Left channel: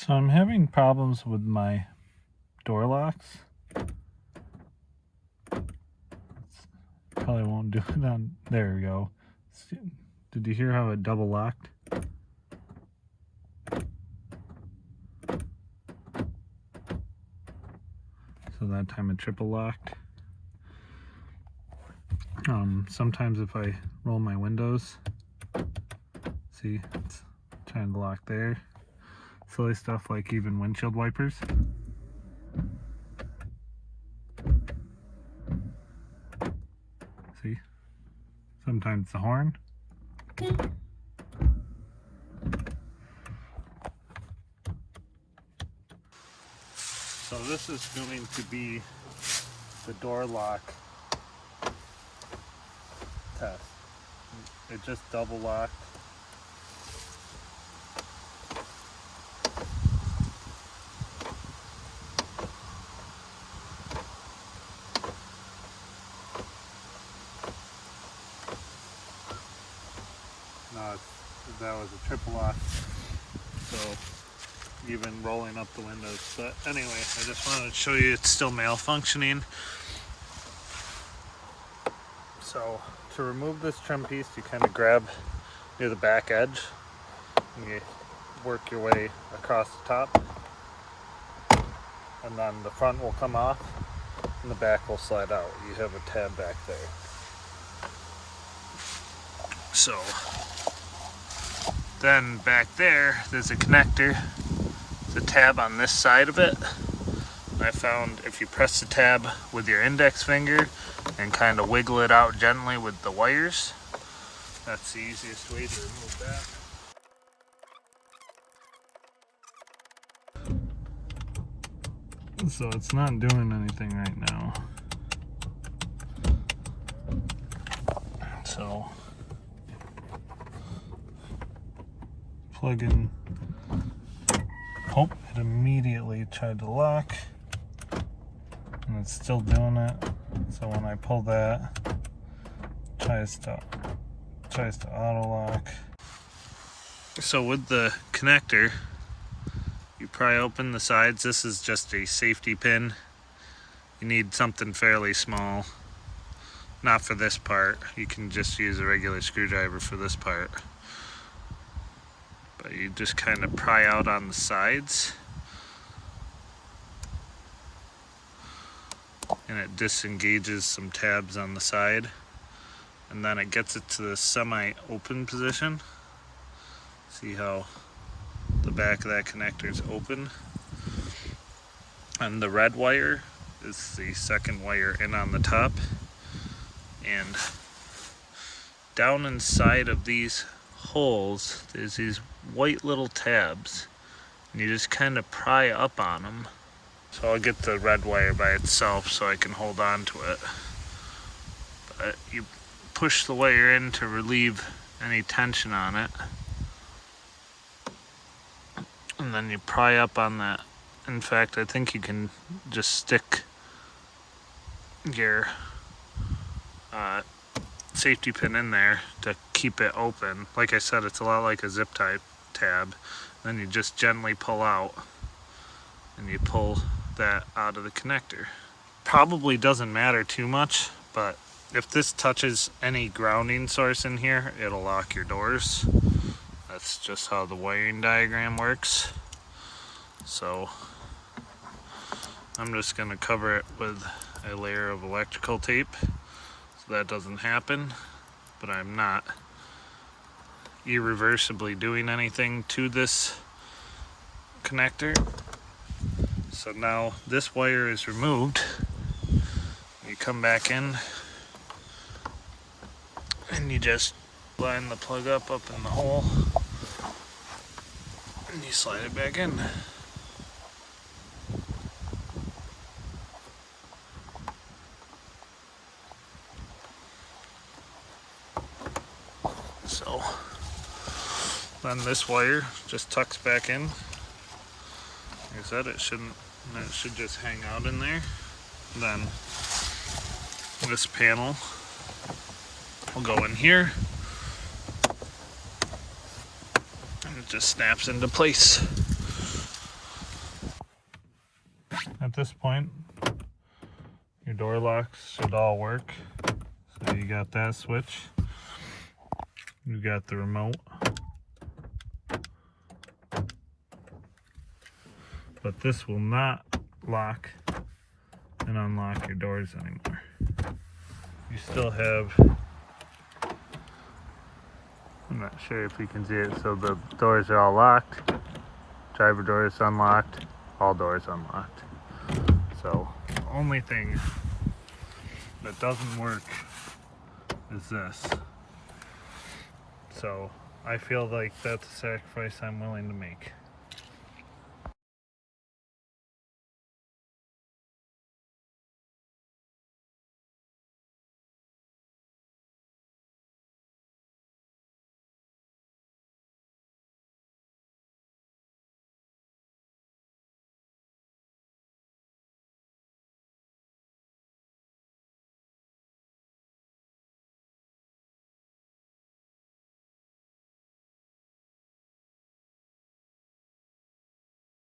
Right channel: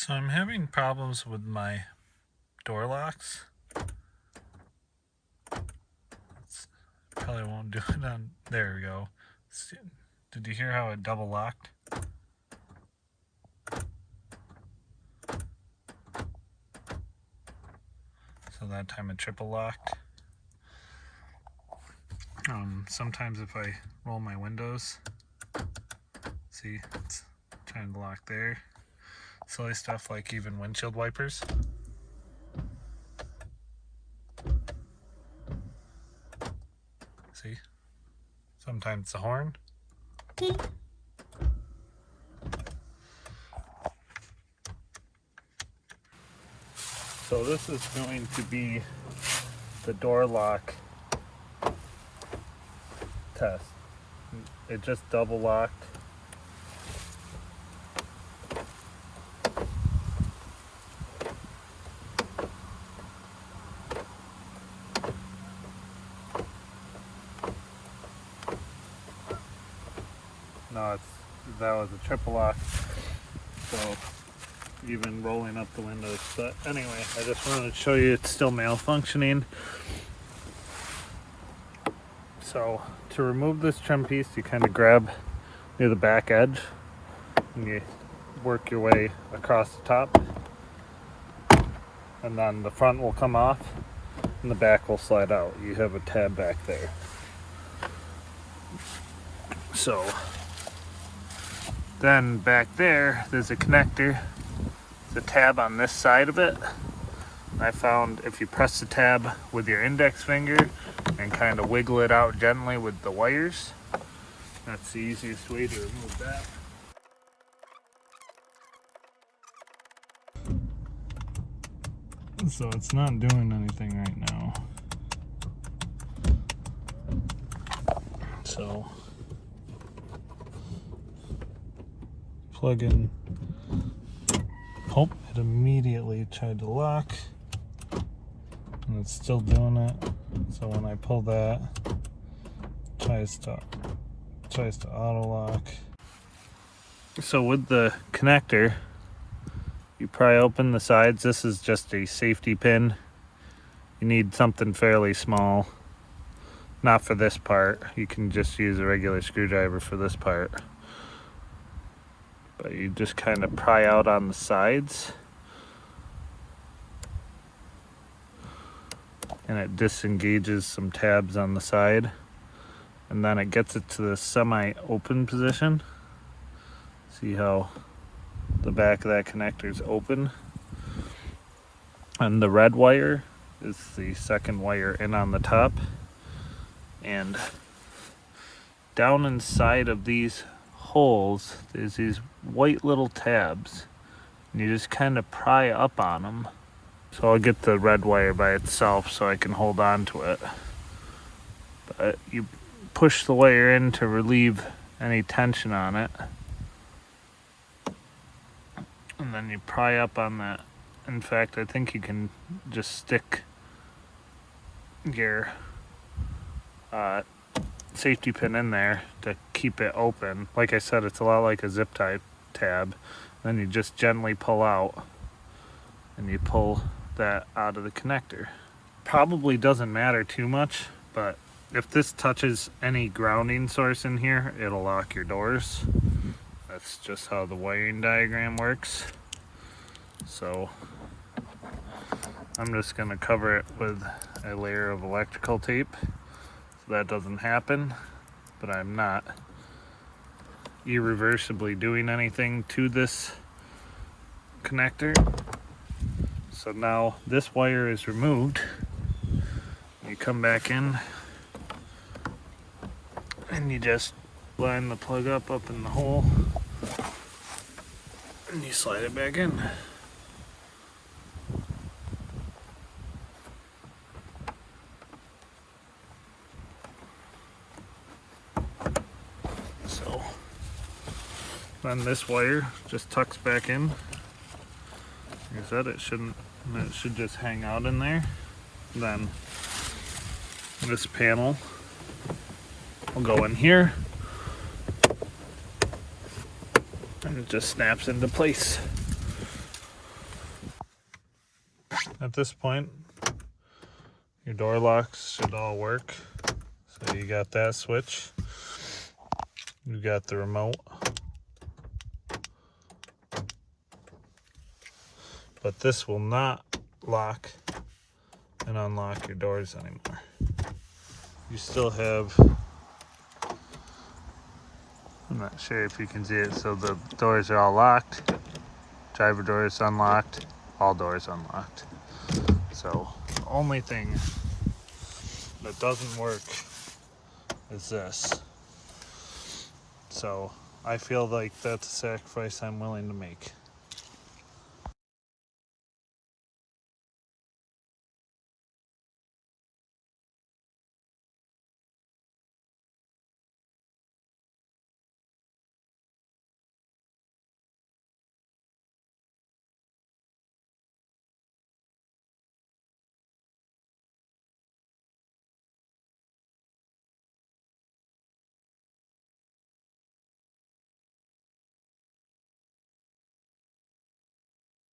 So I'm having problems with my door locks. Probably won't do it on, there we go. Did you hear how it double locked? So that time it triple locked. Sometimes if I roll my windows, see, it's trying to lock there. Silly stuff like even windshield wipers. See, sometimes the horn. So this is going to be the door lock test. It just double locked. No, that was a triple lock. So even rolling up the windows. But anyway, I just wanted to show you it's still malfunctioning. So to remove this trim piece, you kind of grab near the back edge and you work your way across the top, and then the front will come off and the back will slide out. You have a tab back there. So then back there's a connector. There's a tab on this side of it. I found if you press the tab with your index finger and kind of wiggle it out gently with the wires, that's the easiest way to remove that. So it's not doing anything right now. So plug in. Oh, it immediately tried to lock and it's still doing it. So when I pull that, it tries to auto lock. So with the connector, you pry open the sides. This is just a safety pin. You need something fairly small. Not for this part. You can just use a regular screwdriver for this part. But you just kind of pry out on the sides. And it disengages some tabs on the side. And then it gets it to the semi-open position. See how the back of that connector is open. And the red wire is the second wire in on the top. And down inside of these holes, there's these white little tabs. And you just kind of pry up on them. So I'll get the red wire by itself so I can hold on to it. But you push the wire in to relieve any tension on it. And then you pry up on that. In fact, I think you can just stick your safety pin in there to keep it open. Like I said, it's a lot like a zip tie tab. Then you just gently pull out and you pull that out of the connector. Probably doesn't matter too much, but if this touches any grounding source in here, it'll lock your doors. That's just how the wiring diagram works. So I'm just gonna cover it with a layer of electrical tape so that doesn't happen, but I'm not irreversibly doing anything to this connector. So now this wire is removed. You come back in and you just line the plug up in the hole and you slide it back in. So then this wire just tucks back in. Like I said, it should just hang out in there. Then this panel will go in here and it just snaps into place. At this point, your door locks should all work. So you got that switch, you got the remote, but this will not lock and unlock your doors anymore. You still have, I'm not sure if you can see it, so the doors are all locked, driver door is unlocked, all doors unlocked. So the only thing that doesn't work is this. So I feel like that's a sacrifice I'm willing to make.